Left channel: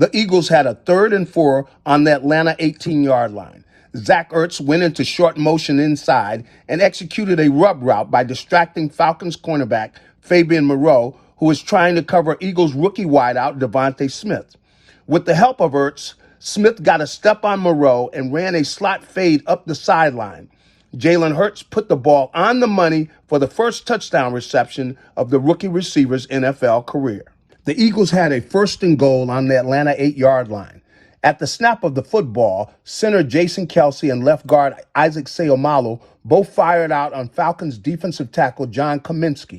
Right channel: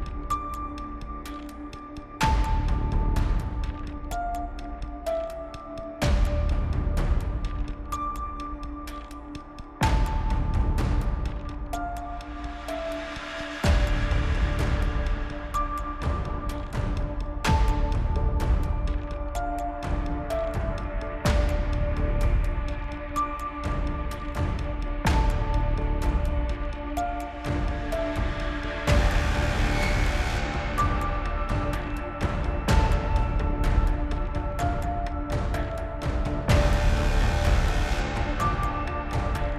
The Eagles had a 3rd and 4 on the Atlanta 18-yard line. Zach Ertz went into short motion inside and executed a rub route by distracting Falcons cornerback Fabian Moreau, who was trying to cover Eagles rookie wideout Devontae Smith. With the help of Ertz, Smith got a step on Moreau and ran a slot fade up the sideline. Jalen Hurts put the ball on the money for the first touchdown reception of the rookie receiver's NFL career. The Eagles had a 1st and goal on the Atlanta 8-yard line. At the snap of the football, center Jason Kelce and left guard Isaac Seumalo both fired out on Falcons defensive tackle John Kaminsky.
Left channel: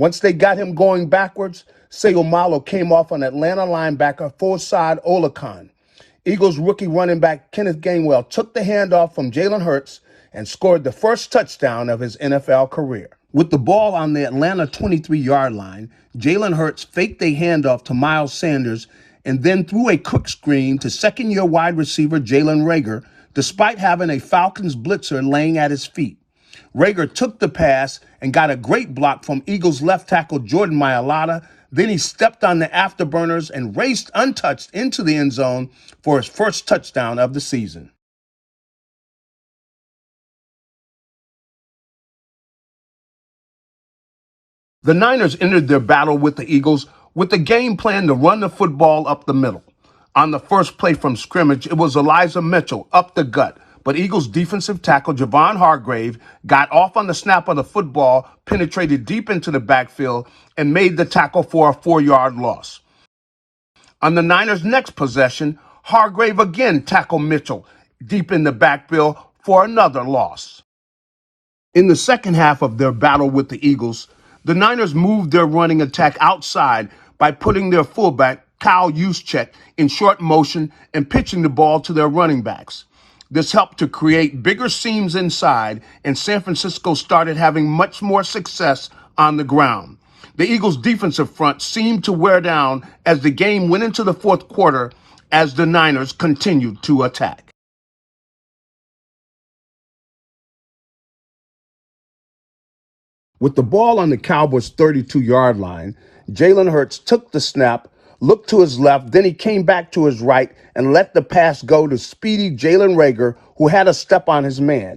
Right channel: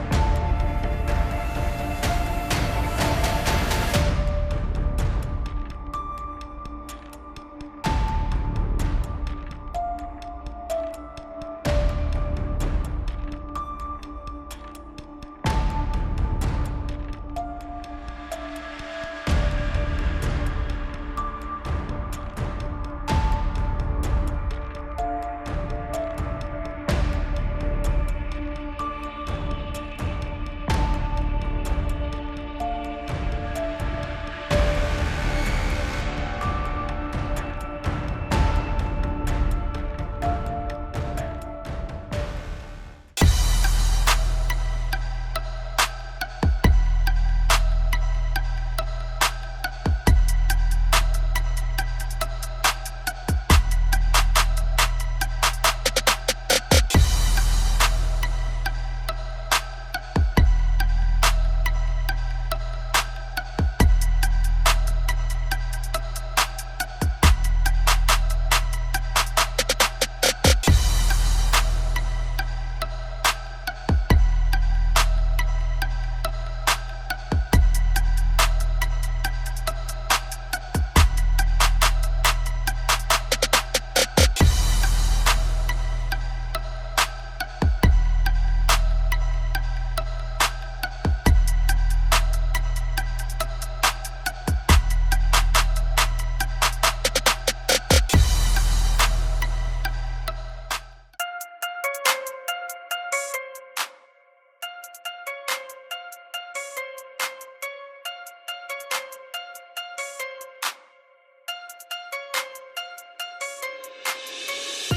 Once they got him going backwards, Seumalo came off on Atlanta linebacker Forsad Olakon. Eagles rookie running back Kenneth Gainwell took the handoff from Jalen Hurts and scored the first touchdown of his NFL career. With the ball on the Atlanta 23-yard line, Jalen Hurts faked a handoff to Miles Sanders and then threw a crook screen to second-year wide receiver Jalen Reagor, despite having a Falcons blitzer laying at his feet. Reagor took the pass and got a great block from Eagles left tackle Jordan Mailata. Then he stepped on the afterburners and raced untouched into the end zone for his first touchdown of the season. The Niners entered their battle with the Eagles with the game plan to run the football up the middle. On the first play from scrimmage, it was Elijah Mitchell up the gut, but Eagles defensive tackle Javon Hargrave got off on the snap of the football, penetrated deep into the backfield, and made the tackle for a 4-yard loss. On the Niners' next possession, Hargrave again tackled Mitchell deep in the backfield for another loss. In the second half of their battle with the Eagles, the Niners moved their running attack outside by putting their fullback, Kyle Juszczyk, in short motion and pitching the ball to their running backs. This helped to create bigger seams inside, and San Francisco started having much more success on the ground. The Eagles' defensive front seemed to wear down as the game went into the fourth quarter as the Niners continued to attack. With the ball on the Cowboys' 32-yard line, Jalen Hurts took the snap, looked to his left, then he came back to his right and let the pass go to speedy Jalen Reagor, who had a step on his man.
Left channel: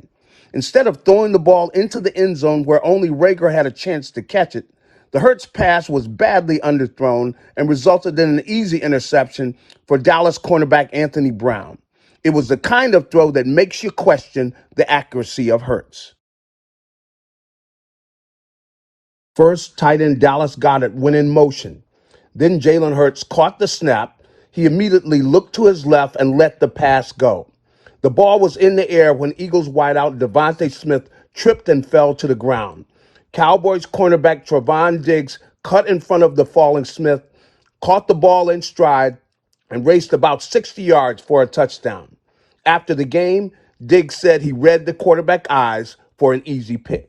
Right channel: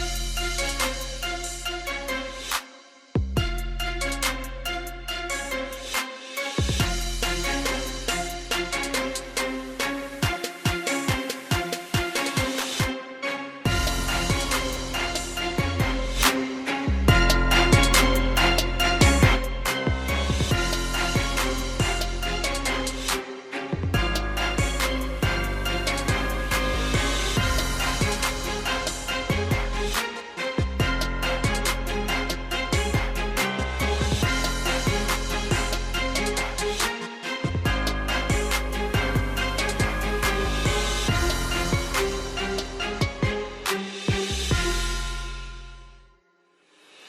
Instead of throwing the ball into the end zone where only Reagor had a chance to catch it, the Hurts pass was badly underthrown and resulted in an easy interception for Dallas cornerback Anthony Brown. It was the kind of throw that makes you question the accuracy of Hurts. First, tight end Dallas Goedert went in motion. Then Jalen Hurts caught the snap. He immediately looked to his left and let the pass go. The ball was in the air when Eagles wideout Devontae Smith tripped and fell to the ground. Cowboys cornerback Trevon Diggs cut in front of the falling Smith, caught the ball in stride, and raced about 60 yards for a touchdown. After the game, Diggs said he read the quarterback's eyes for an easy pick.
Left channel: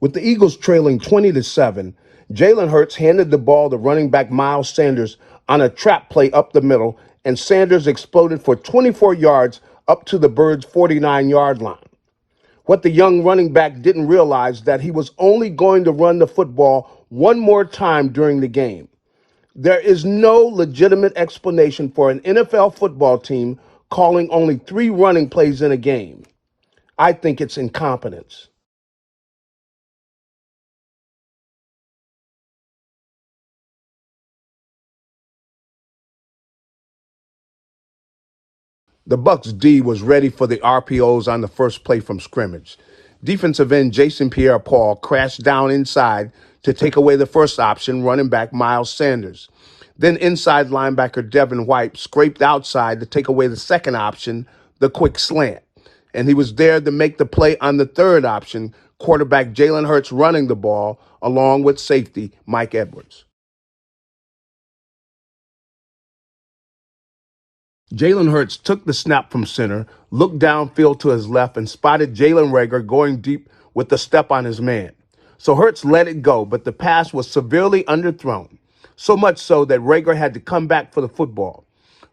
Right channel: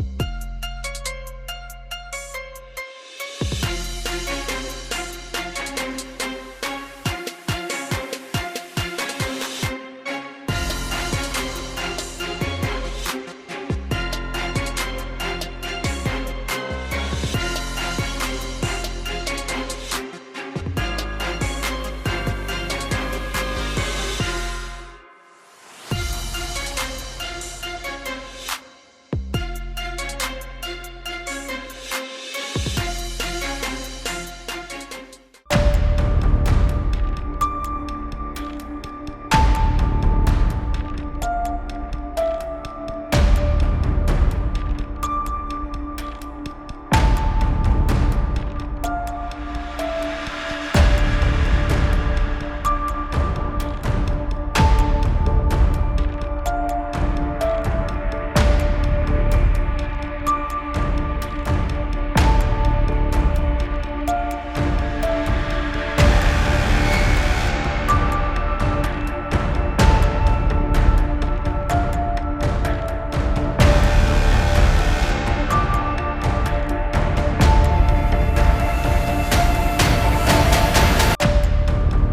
With the Eagles trailing 20-7, Jalen Hurts handed the ball to running back Miles Sanders on a trap play up the middle, and Sanders exploded for 24 yards up to the Birds' 49-yard line. What the young running back didn't realize that he was only going to run the football one more time during the game. There is no legitimate explanation for an NFL football team calling only 3 running plays in a game. I think it's incompetence. The Bucs' D was ready for the RPOs on the first play from scrimmage. Defensive end Jason Pierre-Paul crashed down inside to take away the first option, running back Miles Sanders. Then inside linebacker Devin White scraped outside to take away the second option, the quick slant. And he was there to make the play on the third option, quarterback Jalen Hurts running the ball, along with safety Mike Evans. Jalen Hurts took the snap from center, looked downfield to his left, and spotted Jalen Reagor going deep with the step on his man. So Hurts let it go, but the pass was severely underthrown, so much so that Reagor had to come back to the football.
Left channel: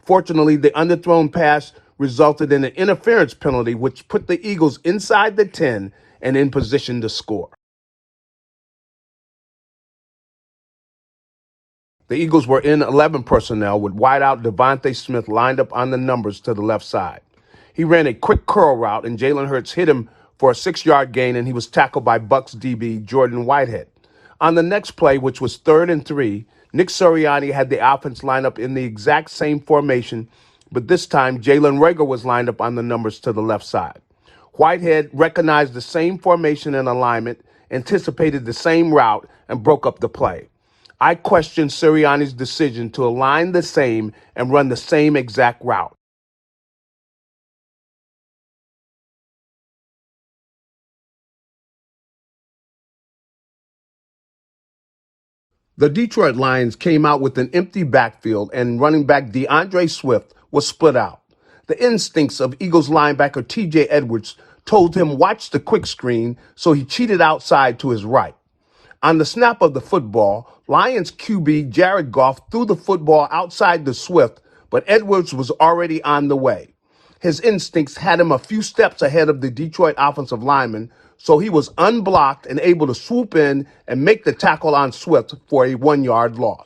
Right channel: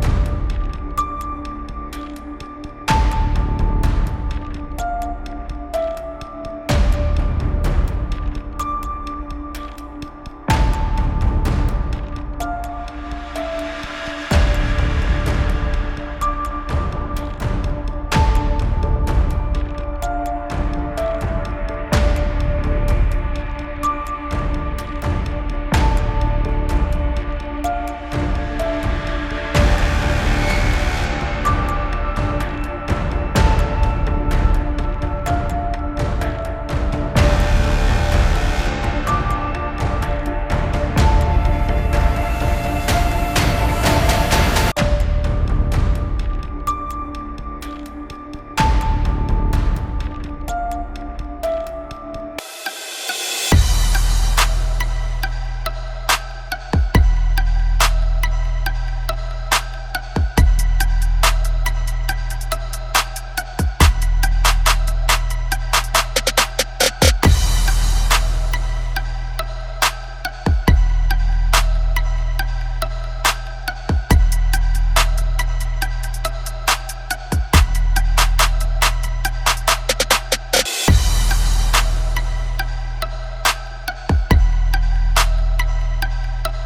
Fortunately, the underthrown pass resulted in an interference penalty, which put the Eagles inside the 10 and in position to score. The Eagles were in 11 personnel with wideout Devontae Smith lined up on the numbers to the left side. He ran a quick curl route and Jalen Hurts hit him for a 6-yard gain, and he was tackled by Bucs DB Jordan Whitehead. On the next play, which was 3rd and 3, Nick Sirianni had the offense line up in the exact same formation, but this time Jalen Reagor was lined up on the numbers to the left side. Whitehead recognized the same formation and alignment, anticipated the same route, and broke up the play. I question Sirianni's decision to align the same and run the same exact route. The Detroit Lions came out with an empty backfield, and running back DeAndre Swift was split out. The instincts of Eagles linebacker T.J. Edwards told him watch the quick screen, so he cheated outside to his right. On the snap of the football, Lions QB Jared Goff threw the football outside the Swift, but Edwards was already on the way. His instincts had him a few steps ahead of the Detroit offensive lineman, so he was unblocked and able to swoop in and make the tackle on Swift for a 1-yard loss.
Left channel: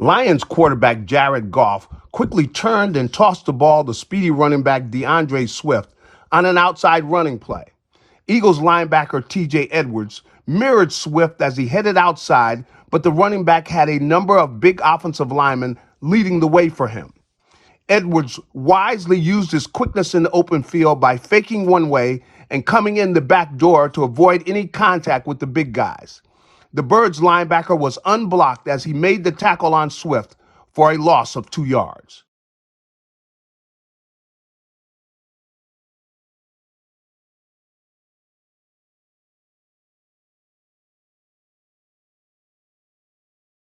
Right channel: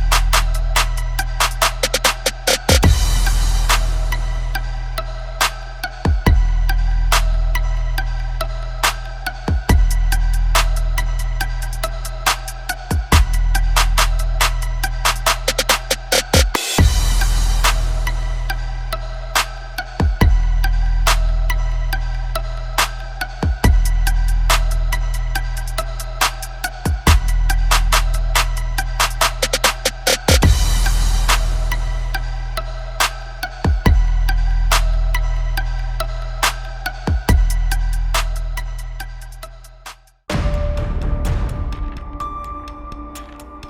Lions quarterback Jared Goff quickly turned and tossed the ball to speedy running back DeAndre Swift on an outside running play. Eagles linebacker T.J. Edwards mirrored Swift as he headed outside, but the running back had a number of big offensive linemen leading the way for him. Edwards wisely used his quickness in the open field by faking one way and coming in the back door to avoid any contact with the big guys. The Birds linebacker was unblocked as he made the tackle on Swift for a loss of 2 yards.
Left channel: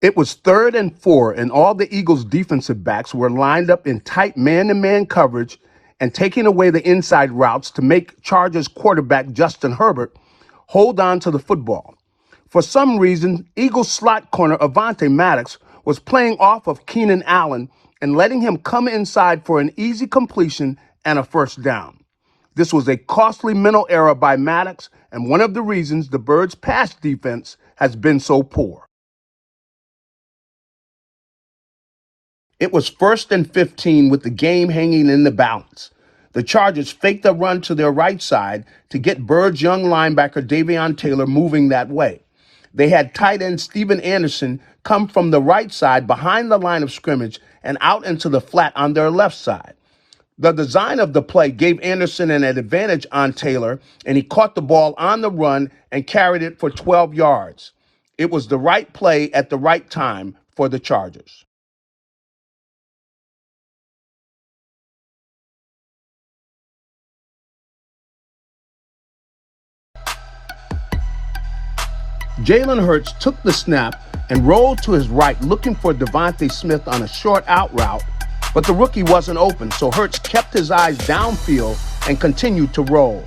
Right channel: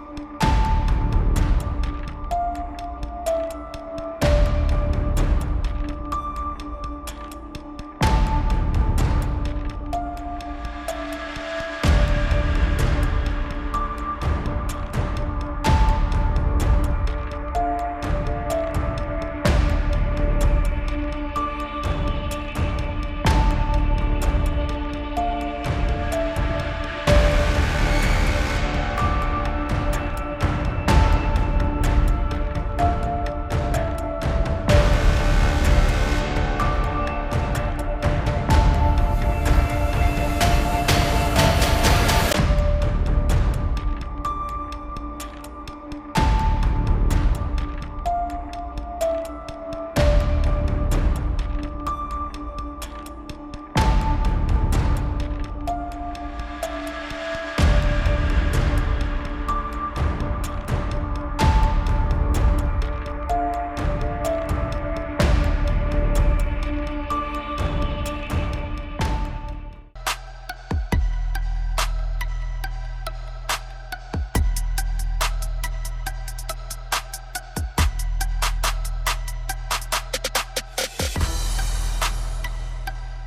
It was 3rd and 4, and all the Eagles' defensive backs were lined up in tight man-to-man coverage and taking away the inside routes to make Chargers quarterback Justin Herbert hold on to the football. For some reason, Eagles slot corner Avonte Maddox was playing off of Keenan Allen and letting him come inside for an easy completion and a first down. This was a costly mental error by Maddox and one of the reasons the Birds' pass defense has been so poor. It was 1st and 15 with the game hanging in the balance. The Chargers faked a run to their right side to get Birds' young linebacker Davion Taylor moving that way. They had tight end Steven Anderson come from the right side behind the line of scrimmage and out into the flat on their left side. The design of the play gave Anderson an advantage on Taylor, and he caught the ball on the run and carried it for 12 yards. It was the right play at the right time for the Chargers. Jalen Hurts took the snap and rolled to his right looking for Devontae Smith on a short out route, but the rookie wasn't open, so Hurts kept his eyes downfield and continued to roll.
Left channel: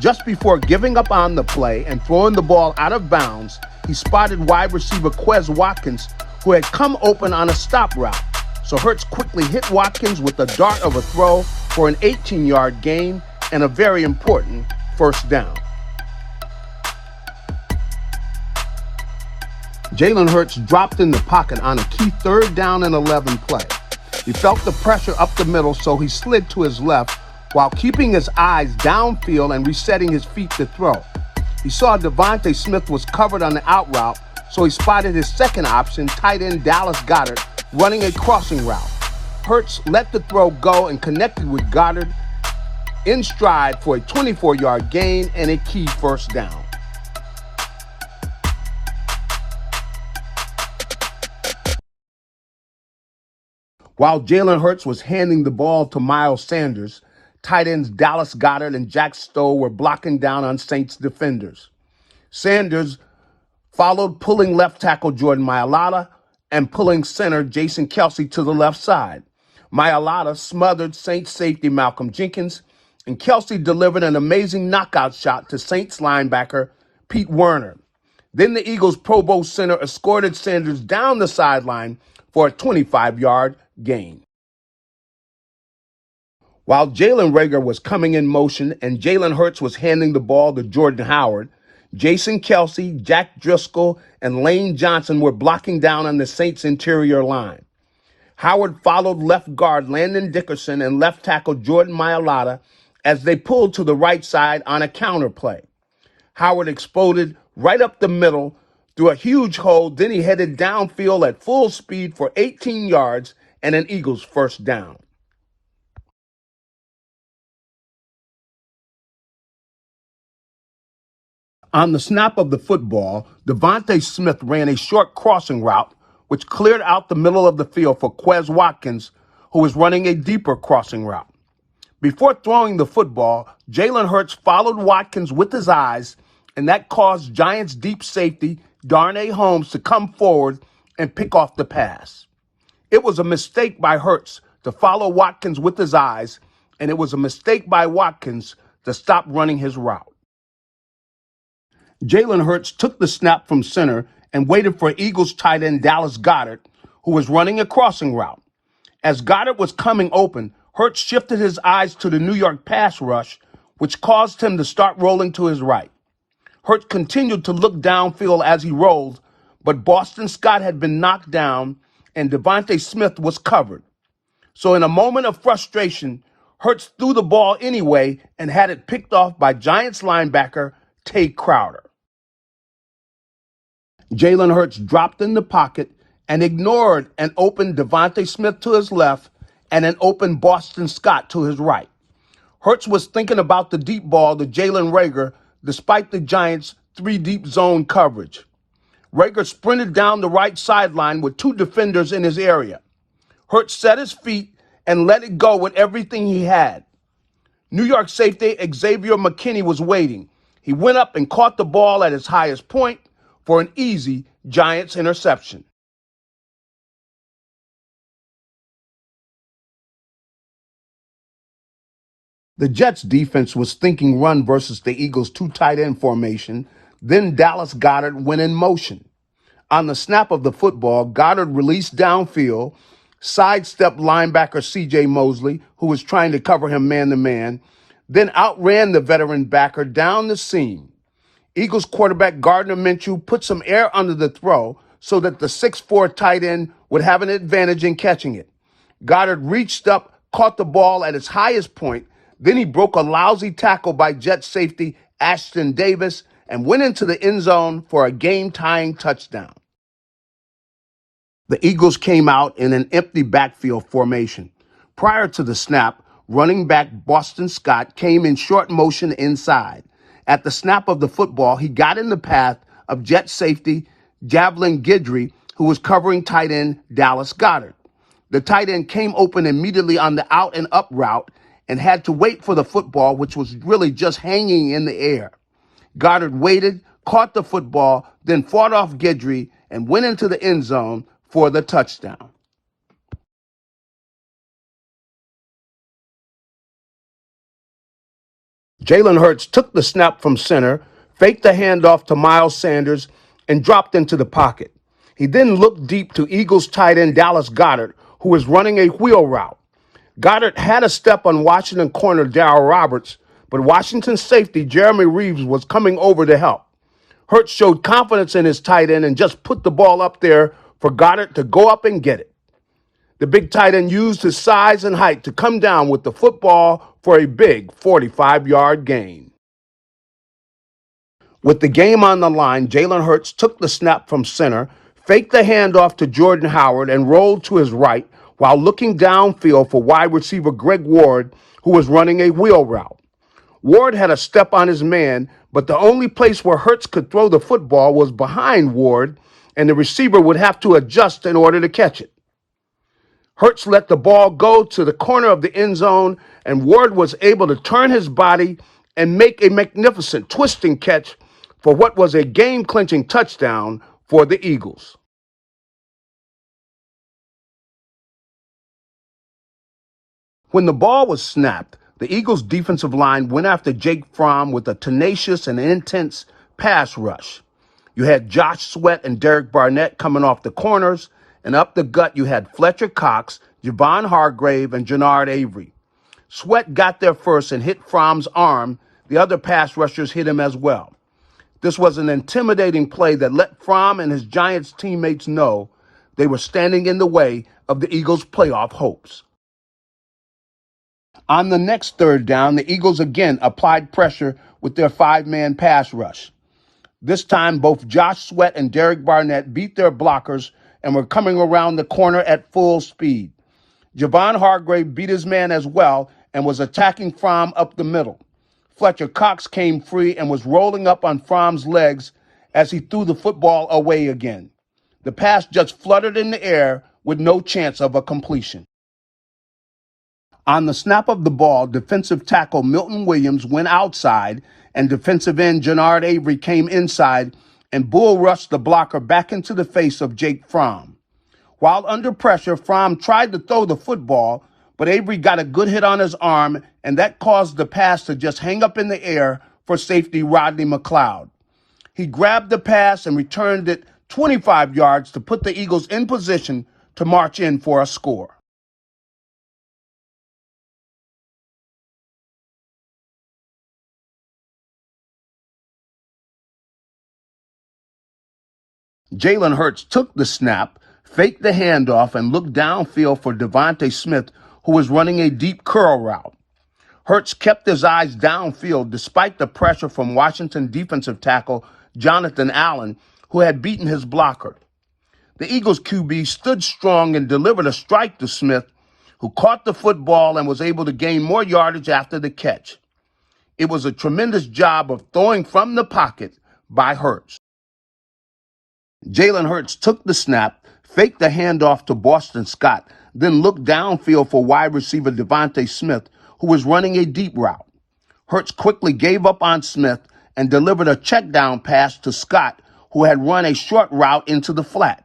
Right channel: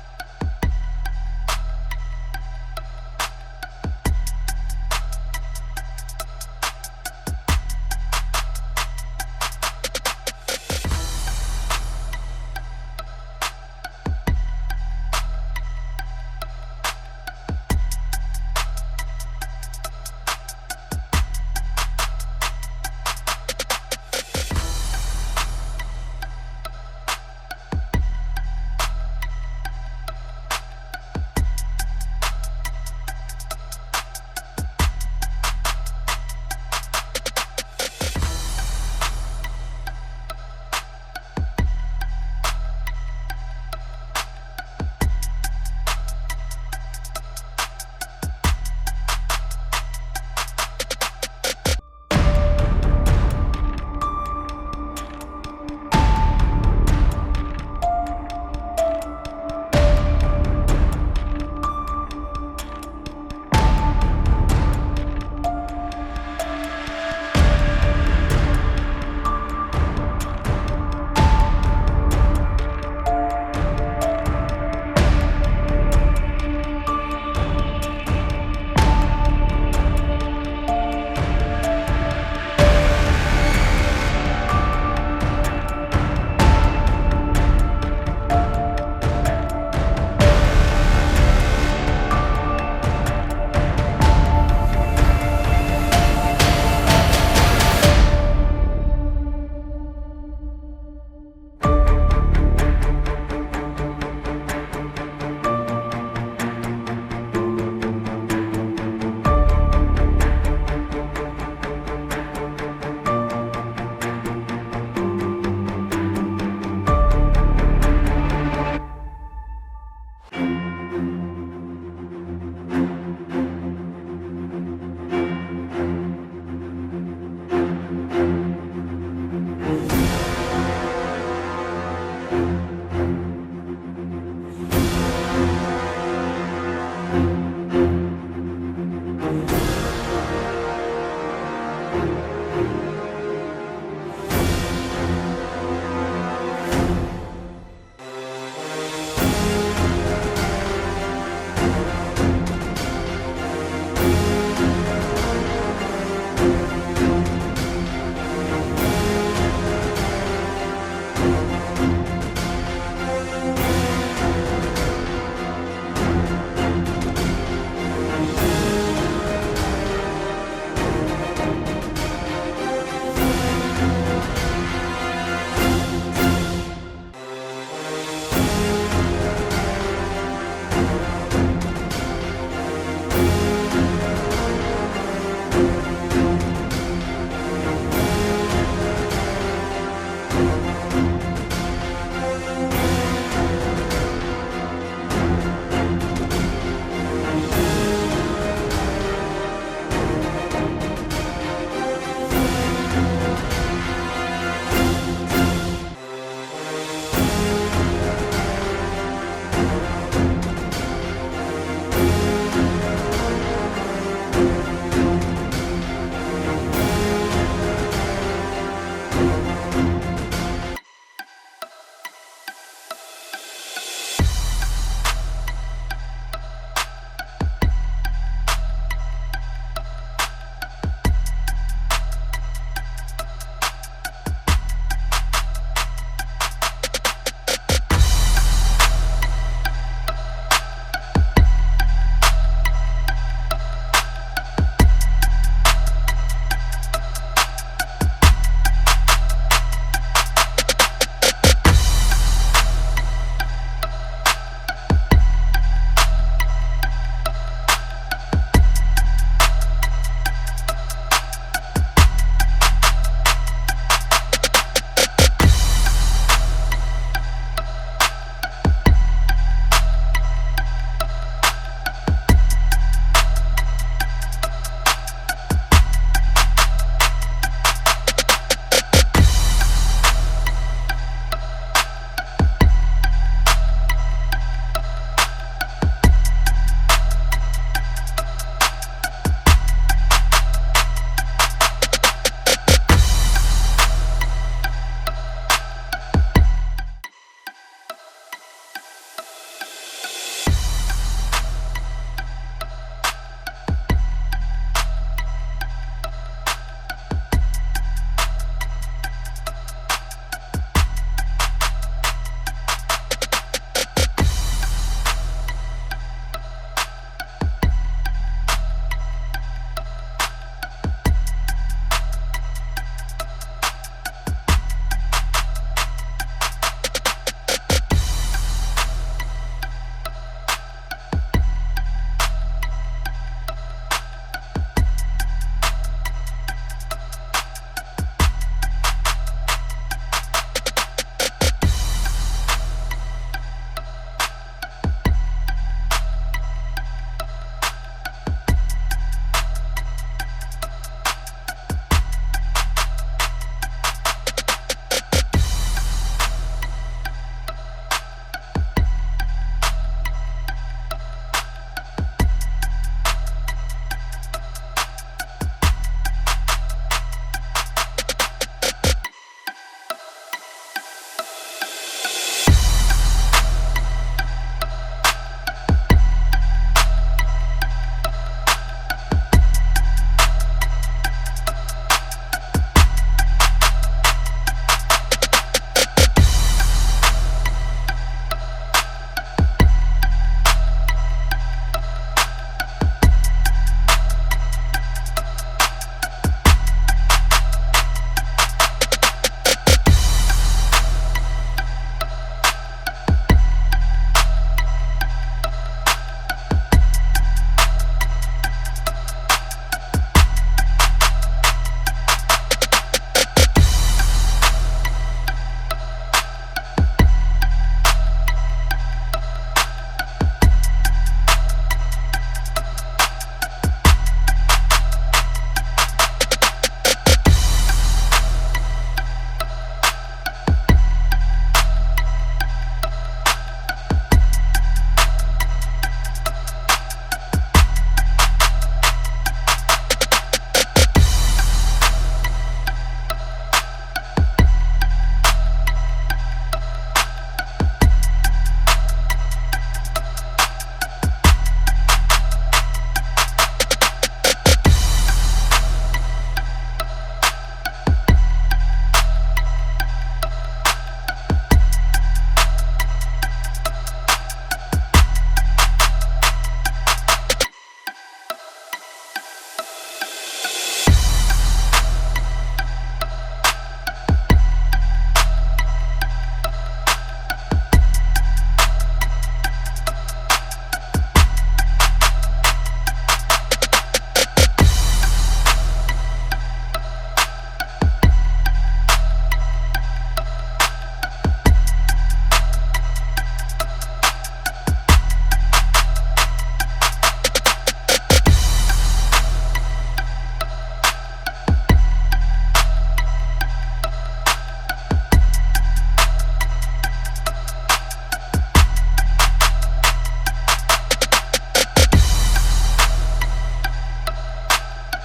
Just before giving up on the play and throwing the ball out of bounds, he spotted wide receiver Quez Watkins, who had come open on a stop route. So Hurts quickly hit Watkins with a dart of a throw for an 18-yard gain and a very important first down. Jalen Hurts dropped in the pocket on a key 3rd down and 11 play. He felt the pressure up the middle, so he slid to his left while keeping his eyes downfield and resetting his feet to throw. He saw Devontae Smith was covered on the out route, so he spotted his second option, tight end Dallas Goedert, running a crossing route. Hurts let the throw go and connected with Goedert in stride for a 24-yard gain and a key first down. While Jalen Hurts was handing the ball to Miles Sanders, tight ends Dallas Goedert and Jack Stowe were blocking down on Saints defenders. Sanders followed pulling left tackle Jordan Mailata and pulling center Jason Kelce to the left side. Mailata smothered Saints safety Malcolm Jenkins, and Kelce delivered an amazing knockout shot to Saints linebacker Pete Werner. Then the Eagles' Pro Bowl center escorted Sanders down the sideline for a 25-yard gain. While Jalen Reagor was coming in motion and Jalen Hurts was handing the ball to Jordan Howard, Jason Kelsey, Jack Driscoll, and Lane Johnson were blocking down on the Saints' interior line. Howard followed left guard Landon Dickerson and left tackle Jordan Mailata as they pulled to the right side on a counter play. Howard exploded right up the middle through a huge hole, then he headed downfield at full speed for 18 yards and an Eagles first down. On the snap of the football, Devontae Smith ran a short crossing route, which cleared out the middle of the field for Quez Watkins, who was running a deeper crossing route. Before throwing the football, Jalen Hurts followed Watkins with his eyes, and that caused Giants deep safety Darnay Holmes to come forward and pick off the pass. It was a mistake by Hurts to follow Watkins with his eyes, and it was a mistake by Watkins to stop running his route. Jalen Hurts took the snap from center and waited for Eagles tight end Dallas Goedert, who was running a crossing route. As Goedert was coming open, Hurts shifted his eyes to the New York pass rush, which caused him to start rolling to his right. Hurts continued to look downfield as he rolled, but Boston Scott had been knocked down and Devontae Smith was covered. So in a moment of frustration, Hurts threw the ball anyway and had it picked off by Giants linebacker Tay Crowder. Jalen Hurts dropped in the pocket and ignored an open Devontae Smith to his left and an open Boston Scott to his right. Hurts was thinking about the deep ball to Jalen Reagor despite the Giants' 3 deep zone coverage. Reagor sprinted down the right sideline with 2 defenders in his area. Hurts set his feet and let it go with everything he had. New York safety Xavier McKinney was waiting. He went up and caught the ball at its highest point for an easy Giants interception. The Jets defense was thinking run versus the Eagles' 2 tight end formation. Then Dallas Goedert went in motion. On the snap of the football, Goedert released downfield, sidestepped linebacker C.J. Mosley, who was trying to cover him man-to-man, then outran the veteran backer down the seam. Eagles quarterback Gardner Minshew put some air under the throw so that the 6'4" tight end would have an advantage in catching it. Goedert reached up, caught the ball at its highest point, then he broke a lousy tackle by Jet safety Ashton Davis and went into the end zone for a game-tying touchdown. The Eagles came out in an empty backfield formation. Prior to the snap, running back Boston Scott came in short motion inside. At the snap of the football, he got in the path of Jet safety Javelin Guidry, who was covering tight end Dallas Goedert. The tight end came open immediately on the out and up route and had to wait for the football, which was really just hanging in the air. Goedert waited, caught the football, then fought off Guidry and went into the end zone for the touchdown. Jalen Hurts took the snap from center, faked the handoff to Miles Sanders, and dropped into the pocket. He then looked deep to Eagles tight end Dallas Goedert, who was running a wheel route. Goedert had a step on Washington corner Darryl Roberts, but Washington safety Jeremy Reeves was coming over to help. Hurts showed confidence in his tight end and just put the ball up there for Goedert to go up and get it. The big tight end used his size and height to come down with the football for a big 45-yard gain. With the game on the line, Jalen Hurts took the snap from center, faked the handoff to Jordan Howard, and rolled to his right while looking downfield for wide receiver Greg Ward, who was running a wheel route. Ward had a step on his man, but the only place where Hurts could throw the football was behind Ward, and the receiver would have to adjust in order to catch it. Hurts let the ball go to the corner of the end zone, and Ward was able to turn his body and make a magnificent twisting catch for what was a game-clinching touchdown for the Eagles. When the ball was snapped, the Eagles' defensive line went after Jake Fromm with a tenacious and intense pass rush. You had Josh Sweat and Derek Barnett coming off the corners, and up the gut you had Fletcher Cox, Javon Hargrave, and Jannard Avery. Sweat got there first and hit Fromm's arm. The other pass rushers hit him as well. This was an intimidating play that let Fromm and his Giants teammates know they were standing in the way of the Eagles' playoff hopes. On the next third down, the Eagles again applied pressure with their 5-man pass rush. This time, both Josh Sweat and Derek Barnett beat their blockers and were coming around the corner at full speed. Javon Hargrave beat his man as well and was attacking Fromm up the middle. Fletcher Cox came free and was rolling up on Fromm's legs as he threw the football away again. The pass just fluttered in the air with no chance of a completion. On the snap of the ball, defensive tackle Milton Williams went outside and defensive end Jannard Avery came inside and bull rushed the blocker back into the face of Jake Fromm. While under pressure, Fromm tried to throw the football, but Avery got a good hit on his arm, and that caused the pass to just hang up in the air for safety Rodney McLeod. He grabbed the pass and returned it 25 yards to put the Eagles in position to march in for a score. Jalen Hurts took the snap, faked the handoff, and looked downfield for Devontae Smith, who was running a deep curl route. Hurts kept his eyes downfield despite the pressure from Washington defensive tackle Jonathan Allen, who had beaten his blocker. The Eagles QB stood strong and delivered a strike to Smith, who caught the football and was able to gain more yardage after the catch. It was a tremendous job of throwing from the pocket by Hurts. Jalen Hurts took the snap, faked the handoff to Boston Scott, then looked downfield for wide receiver Devontae Smith, who was running a deep route. Hurts quickly gave up on Smith and delivered a check down pass to Scott, who had run a short route into the flat.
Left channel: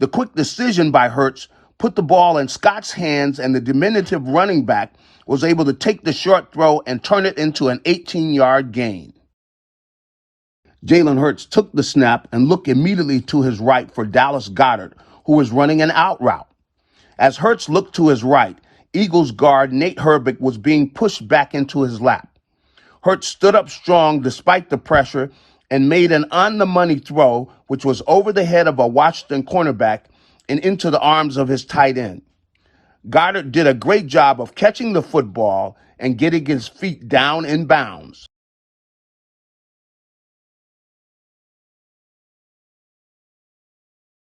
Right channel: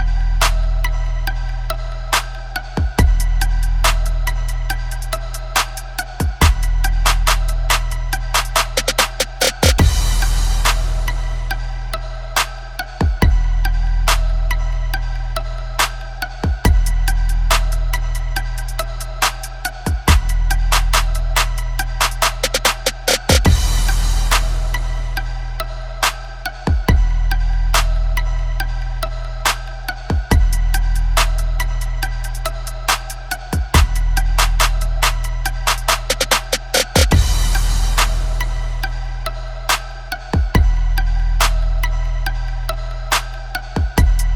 The quick decision by Hurts put the ball in Scott's hands, and the diminutive running back was able to take the short throw and turn it into an 18-yard gain. Jalen Hurts took the snap and looked immediately to his right for Dallas Goedert, who was running an out route. As Hurts looked to his right, Eagles guard Nate Herbig was being pushed back into his lap. Hurts stood up strong despite the pressure and made an on-the-money throw, which was over the head of a Washington cornerback and into the arms of his tight end. Goedert did a great job of catching the football and getting his feet down in bounds.